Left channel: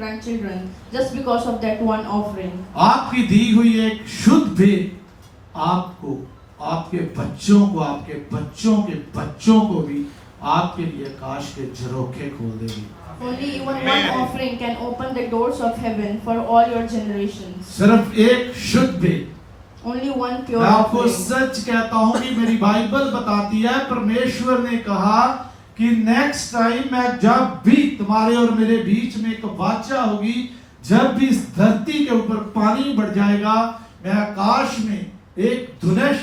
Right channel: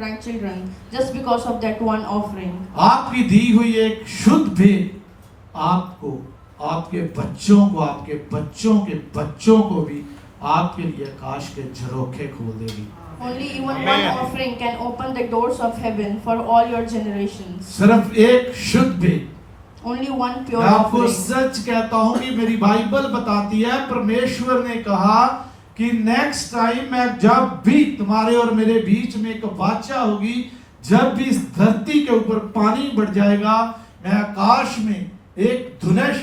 grandchildren just because of that one offering. आपकी दी हुई एक शुद्ध भेंट आपको, आपके बच्चों को, आपके बच्चों के बच्चों को भी आपके लिए आकाश के झरोखे खोल देगी। Only even one offering can open the doors of heaven for all your generations. सिर्फ एक शुद्ध भेंट। Only one pure मैं आपको offering. सच कहता हूं कि मेरी बाइबल बताती है, परमेश्वर ने कहा कि नेक्स्ट टाइम मैं जब भी तुम्हारे और मेरे बीच में एक वाचा होगी, जब भी इस धरती के ऊपर पानी बढ़ जाएगा, मैं आकाश में एक धनुष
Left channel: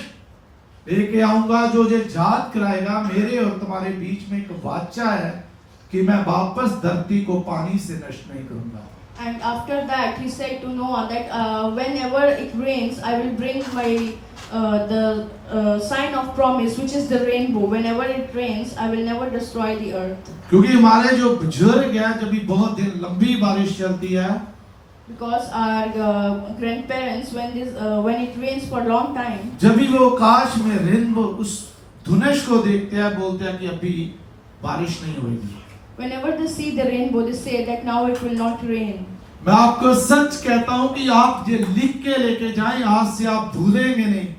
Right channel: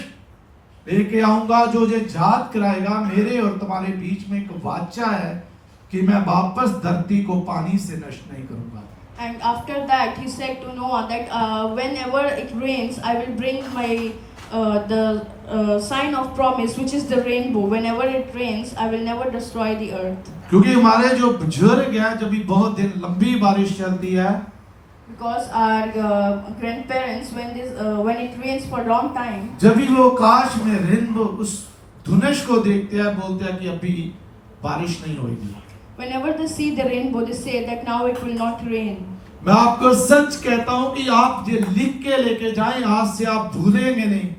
लेके आऊंगा जो ये याद कराएगा मेरे और तुम्हारे बीच में एक वाचा है कि मैं वापस धरती को पानी से नष्ट नहीं करूंगा। And after that, he said to Noah that whenever it rains, I will bring my the sign of promise, which is the rainbow. Whenever it rains, I will never destroy the earth. क्योंकि हमारे जो बुजुर्ग हैं, जब भी बहुत दिन लंबी बारिश चलती है, Because our grandparents, when it rains for a long time, जब भी वो आकाश में रेनबो उस धनुष को देखते हैं, बोलते हैं कि अभी बारिश नहीं होगी। whenever they see the rainbow, they say that now it will not rain. मैं आपको सच कहता हूं कि आप ये लिख के लेके जाएं, आज से आप भूलेंगे नहीं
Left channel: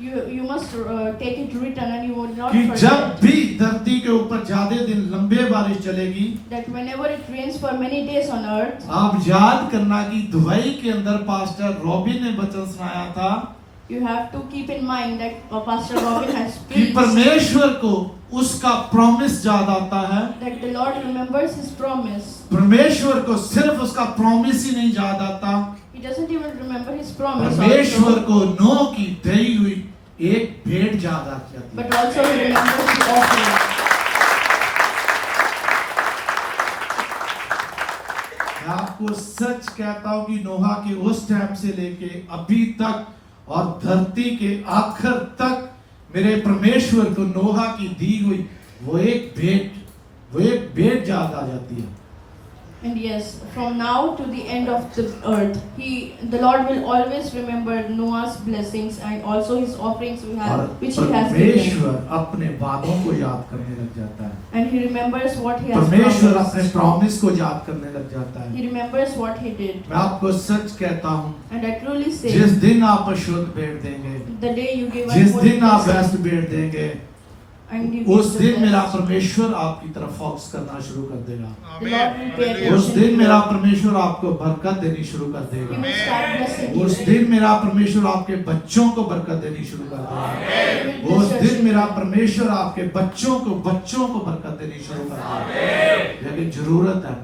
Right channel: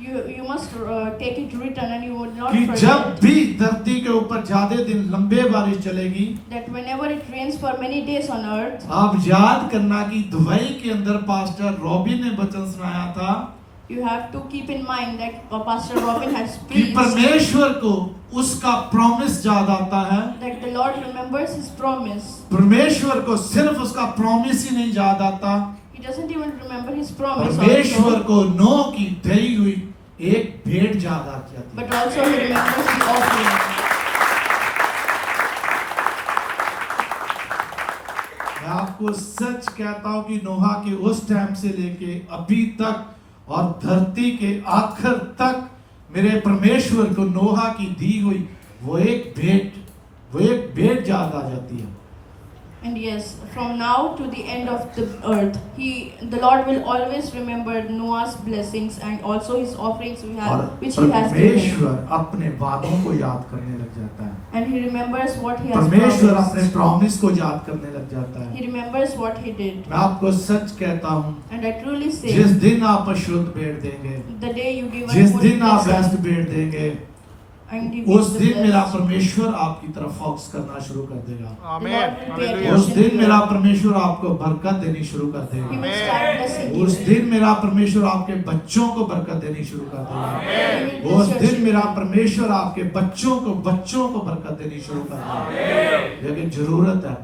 You must take it written, and you will not कि जब forget भी धरती के ऊपर ज्यादा दिन लंबे बारिश चलेगी, that whenever it rains for many days on earth, आप याद करना कि दुबई के अंदर पास्टर रॉबिन ने वचन सुनाया था you have to keep in mind that Pastor Robin has कि preached परमेश्वर को उसका प्रॉमिस याद आता है। that the Lord remembers His promise. परमेश्वर को सिर्फ उसका प्रॉमिस ही नहीं याद आता, He doesn't even remember His promise, परमेश्वर also, को नोह की दी हुई एक भेंट याद आ जाती है। but also He remembers the offering. मैं आपको सच कहता हूं कि नोहा के उस टाइम से लेके अभी तक और धरती के आखिर तक मेरे परमेश्वर को नोहा की दी हुई वो एक भेंट याद आ जाती है। And yes, from now to the end of the earth, the Lord will always remember Noah's blessings and also his offerings और which He has given. परमेश्वर अपने वादों को याद करने लग जाता है, And He remembers what He has परमेश्वर promised. अपने प्रॉमिस को याद करने लग जाता है। He remembers what He did. मैं आपको सच कहता हूं, And I truly say, जिस दिन आप शुद्ध भेंट देंगे, the day you give जिस us दिन आप बेस्ट भेंट देंगे, and you उस give the दिन मेरा best, परमेश्वर आपकी तरफ फोकस करना शुरू कर देगा। the Lord will pay उस attention दिन to मेरा you. परमेश्वर आपको बरकत देनी शुरू कर He देगा। will start blessing उस you. दिन मेरा परमेश्वर आपके बच्चों को बरकत देनी शुरू कर देगा। He will उस bless your दिन मेरा children. परमेश्वर आपके बच्चों को बरकत देनी शुरू कर देगा। लेकिन जरूरत है